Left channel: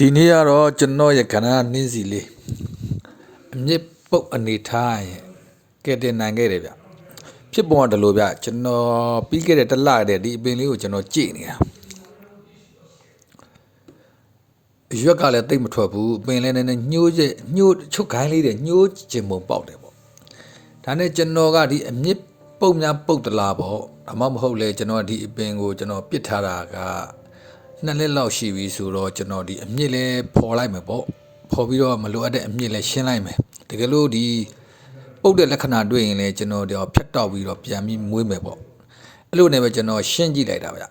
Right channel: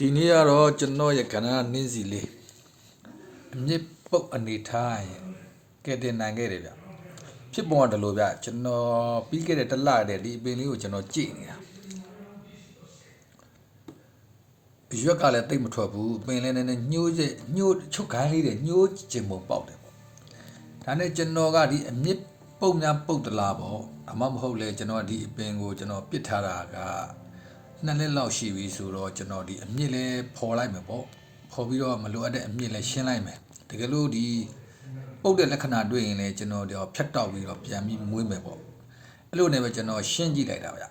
ဒီနေ့ကတော့ကျွန်တော်ရဲ့ခဏနင်းစီလေးအမြင့်ပုတ်အနေထားရဲ့ကဲတင်နိုင်ခဲ့တယ်ဗျဖြစ်ပေါ်တယ်လို့ဗျကျွန်တော်ပြီးခဲ့တဲ့တစ်လတည်းဒီအပင်လေးကိုကျွန်တော်ကြည့်နေတာရွက်ကလည်းတိတ်မထွက်ဘူးအပင်လည်းနည်းနည်းညှိုးချုပ်ခိုင်းလေးတွေညှိုးကျင်ပုံပေါက်တယ်ပေါ့ဒါနဲ့ကျွန်တော်ကဒီအမြင့်ပုတ်များပုတ်တလားပေါ့ဒါမှမဟုတ်လေကျွန်တော်ဒီအပင်ကိုကျွန်တော်ပစ်ထားတာက2 နှစ်လောက်ရှိပြီဆိုတော့ကျွန်တော်ဒီအမြင့်လဲပေါ်လိုက်မယ်ပေါ့ပေါ်ပြီးတော့မလိုအပ်တဲ့အမြင့်လဲရှင်းလိုက်မယ်တကယ်လို့ဒီပုတ်တဲ့လက္ခဏာတွေ့ရင်လဲကျွန်တော်တော့ဖြတ်တောက်ပြီးတော့ပြန်ပြီးမွေးမယ်ပေါ့အဲ့လိုနဲ့ပဲကျွန်တော်ရှင်းကြည့်လိုက်တာဗျ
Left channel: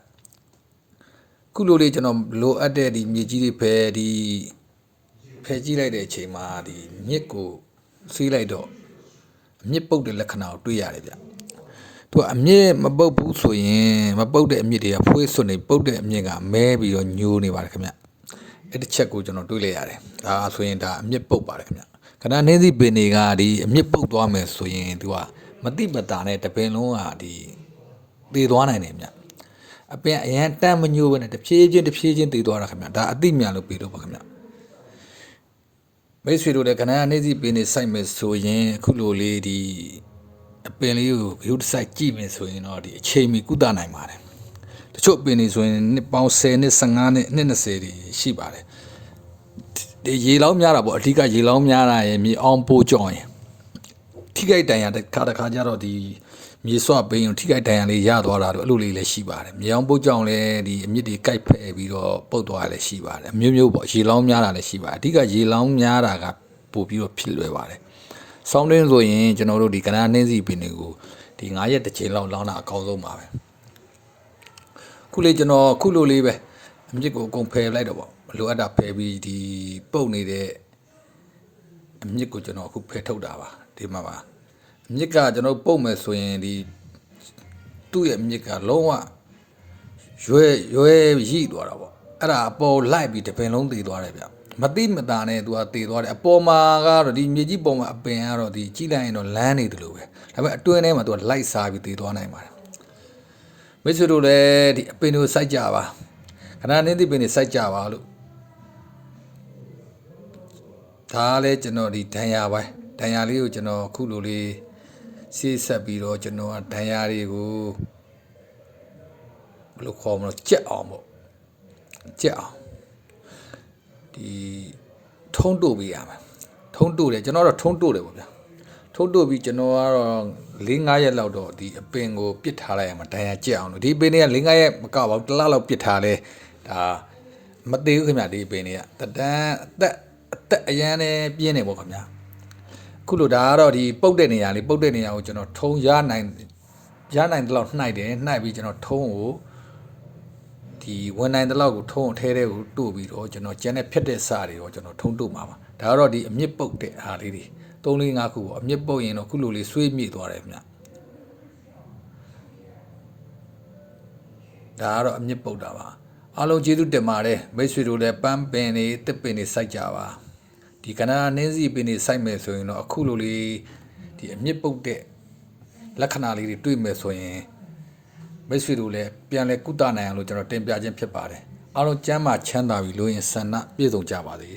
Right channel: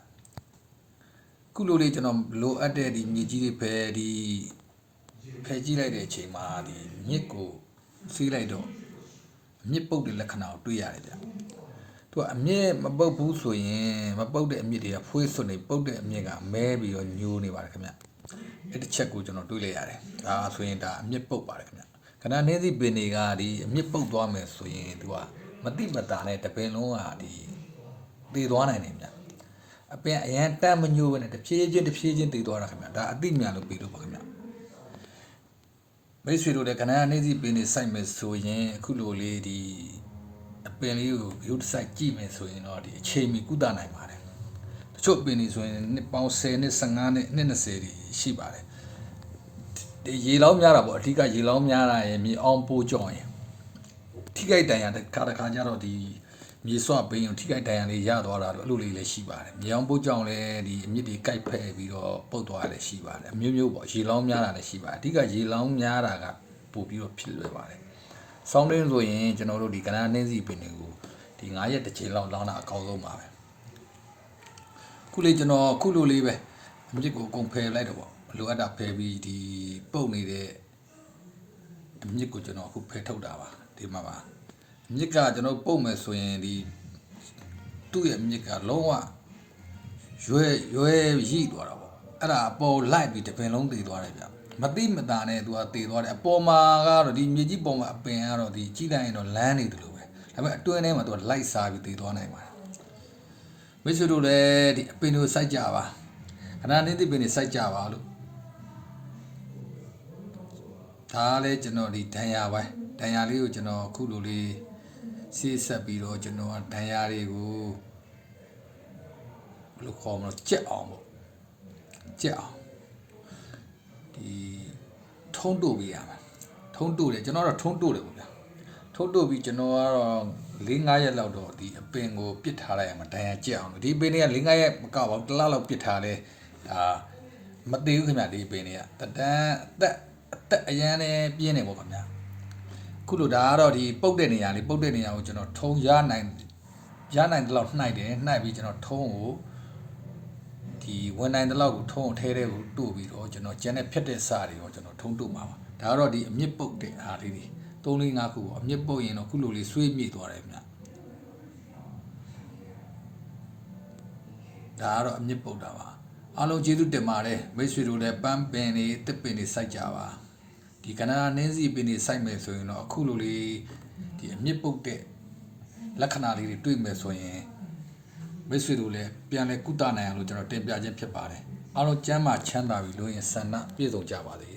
ခုလိုလေးကျွန်တော်လိုအပ်တဲ့ဒီမြေကြီးတွေဖယ်ကြည့်လိုက်တဲ့အချိန်မှာဒီမြစ်ကိုစီးလိုက်တော့အမြင့်ပုတ်တဲ့လက္ခဏာကိုတွေ့ရတယ်ဗျသူကအမြင့်မပုတ်ဘူးဆိုရင်မပုတ်တဲ့အမြင့်တွေကဖွေးစွနေပုတ်တဲ့အမြင့်ကမဲပြီးတော့ညိုးနေပါတယ်ခင်ဗျအဲ့တစ်ချက်ကိုကျွန်တော်တွေးလိုက်ရတယ်ဒါဆိုရင်ဒါအမြင့်ပုတ်ပါတယ်ခင်ဗျခဏနှင်းစီပင်တွေကဒီအမြင့်ပုတ်သွားမယ်ဆိုရင်သူကမတိမတာနဲ့တပင်လုံးကဒီသေသွားနိုင်တယ်ဗျအပင်အရန်တမ်းမညိုးပဲနဲ့တဖြည်းချင်းသေသွားတာခင်ဗျဒါအတိမြန်လို့ပြီးလို့ပါခင်ဗျမိတ်ဆွေတို့လည်းခဏနှင်းစီပင်တွေစိုက်မယ်ဆိုရင်အခုလိုလေးဒီအပင်လေးကိုဂရုတစိုက်ကြည့်မယ်ဆိုရင်တော့ဒီအချိန်မီကုသနိုင်ပါတယ်တချို့အပင်တွေဆိုရင်နှစ်ပေါင်း10နှစ်15နှစ်နှစ်20တွေရှိပါတယ်ဒီရေလောင်းများတာပေါ့အဓိကရေလောင်းများတာရဲ့မြေအောင်ပိုးကြောင်ရင်ထိခိုက်တန်ရာတစ်ခါကျတော့ဒီမြေဆွပင်းကိုထိခိုက်တန်ရာလေးရသွားတာတော့အဲ့လိုလေးလည်းရှိပါတယ်မြေအောင်ပိုးကြောင်လည်းဒီအမြစ်တွေကိုက်ဖက်ပြီးတော့ပုတ်သွားတာလည်းရှိပါတယ်အမျိုးပေါ့ရေလောင်းများတာလည်းရှိပါတယ်အဓိကရေလောင်းများတာကပို့ပြီးတော့ဖြစ်လွယ်ပါတယ်ဆောင်းတွင်းဆိုရင်ကျွန်တော်တို့ဒီကနာနှင်းစီပင်တွေကိုဒီ9ရက်တစ်ချိန်လောက်လောင်းတာအကောင်းဆုံးပါပဲခုလေးကျွန်တော်ခုလိုလေးပဲအမြစ်ကိုအကုန်ဖယ်လိုက်တော့ပေါ့လိုအပ်တာဖယ်ပြီးဒီပုတ်နေတဲ့အမြစ်ကိုကျွန်တော်အခုဖယ်ထုတ်တာပါဒီမှာပါအမြစ်ကကျွန်တော်ပုတ်မယ်ဆိုရင်ဒီသူ့ရဲ့အမြစ်ကလုံးဝရွယ်ရိသွားတာပေါ့အဲ့ဒါအပေါ်လိုက်ပြီးတပင်လုံးသေသွားတယ်ဗျမတိမတာနဲ့သူကတည်သွားတယ်အပေါ်မှာကတော့ဒီမြေကြီးပေါ်မှာအပင်ကတော့ဒီကြီးလိုက်ရင်တော့လမ်းနေတယ်လို့ပဲဒါပေမဲ့အတွင်းထဲမှာသူကလိုက်စားပြီးတည်သွားနိုင်ပါတယ်မိတ်ဆွေတို့လည်းဒီအပင်တွေကိုစိုက်ကြပါခဏနေသည့်ပင်တွေစိုက်ကြပါလို့ဒါလည်းကျွန်တော်ဒီဒဏ်ရာပိုင်းဒဏ်ရာလေးကိုကျွန်တော်အခုလိုလေးဆေးဆက်ပြီးတော့ကျွန်တော်ကဒဏ်ရာတွေကိုဘယ်လိုခေါ်မလဲကြက်အောင်ပေါ့ကြက်အောင်ဒီထုံးတို့ပေးရမယ်ထုံးတို့တယ်ကျွန်တော်တော့ထုံးတို့တယ်ပေါ့ဗျာထုံးတို့ပြီးကျွန်တော်ကတော့4-5ရက်လောက်တော့ဒီအပင်ကိုပစ်ထားလိုက်ရမှာဒဏ်ရာကြက်အောင်လို့ဒီအပင်တွေက4-5ရက်မကပါဘူးတစ်လလောက်ပစ်ထားလဲဒါမသေးဘူးခင်ဗျဒီအပင်တွေကတန်းအသက်အရန်နဲ့ပြင်းနေပေါ့ခင်ဗျာခုလိုဒါကတော့ဒီပုတ်တဲ့နေရာလေးပုတ်တဲ့နေရာကိုကျွန်တော်ထုံးရနိုင်တဲ့လောက်နှိုက်တယ်နှိုက်ပြီးကျွန်တော်ထုံးကိုဒီဝန်နိုင်တဲ့လောက်ကိုထုံးအထဲထဲကိုတို့ပြီးတော့ကျွန်တော်ကျန်တဲ့ဖြတ်တဲ့စာတွေရောကျွန်တော်ထုံးတို့မှာပါဒါကတော့ဒီအမြင့်ပုတ်တဲ့အားလေးတွေ3-5ခုပေါ့အမြင့်ပုတ်ရင်တော့ခုလိုလေးဆွေးမြေ့သွားတယ်ခင်ဗျဒါကတော့အမြင့်ပုတ်တာပါအားလုံးကျေးဇူးတင်ပါတယ်မိတ်ဆွေတို့လည်းပန်းပင်တွေတစ်ပင်တွေစိုက်ကြပါဒီကနာနှင်းစီပင်တွေစိုက်မယ်ဆိုရင်တော့အခုလိုလေးဒီအမြင့်ပုတ်တဲ့လက္ခဏာလေးတွေတွေ့မယ်ဆိုရင်မိတ်ဆွေတို့လည်းပြန်လဲကုသနိုင်အောင်လို့ကျွန်တော်တင်ပြခြင်းဖြစ်ပါတယ်အားလုံးကျမ်းမာချမ်းသာပြီလို့ရင်ဆန္ဒပြည့်စုံကြပါစေ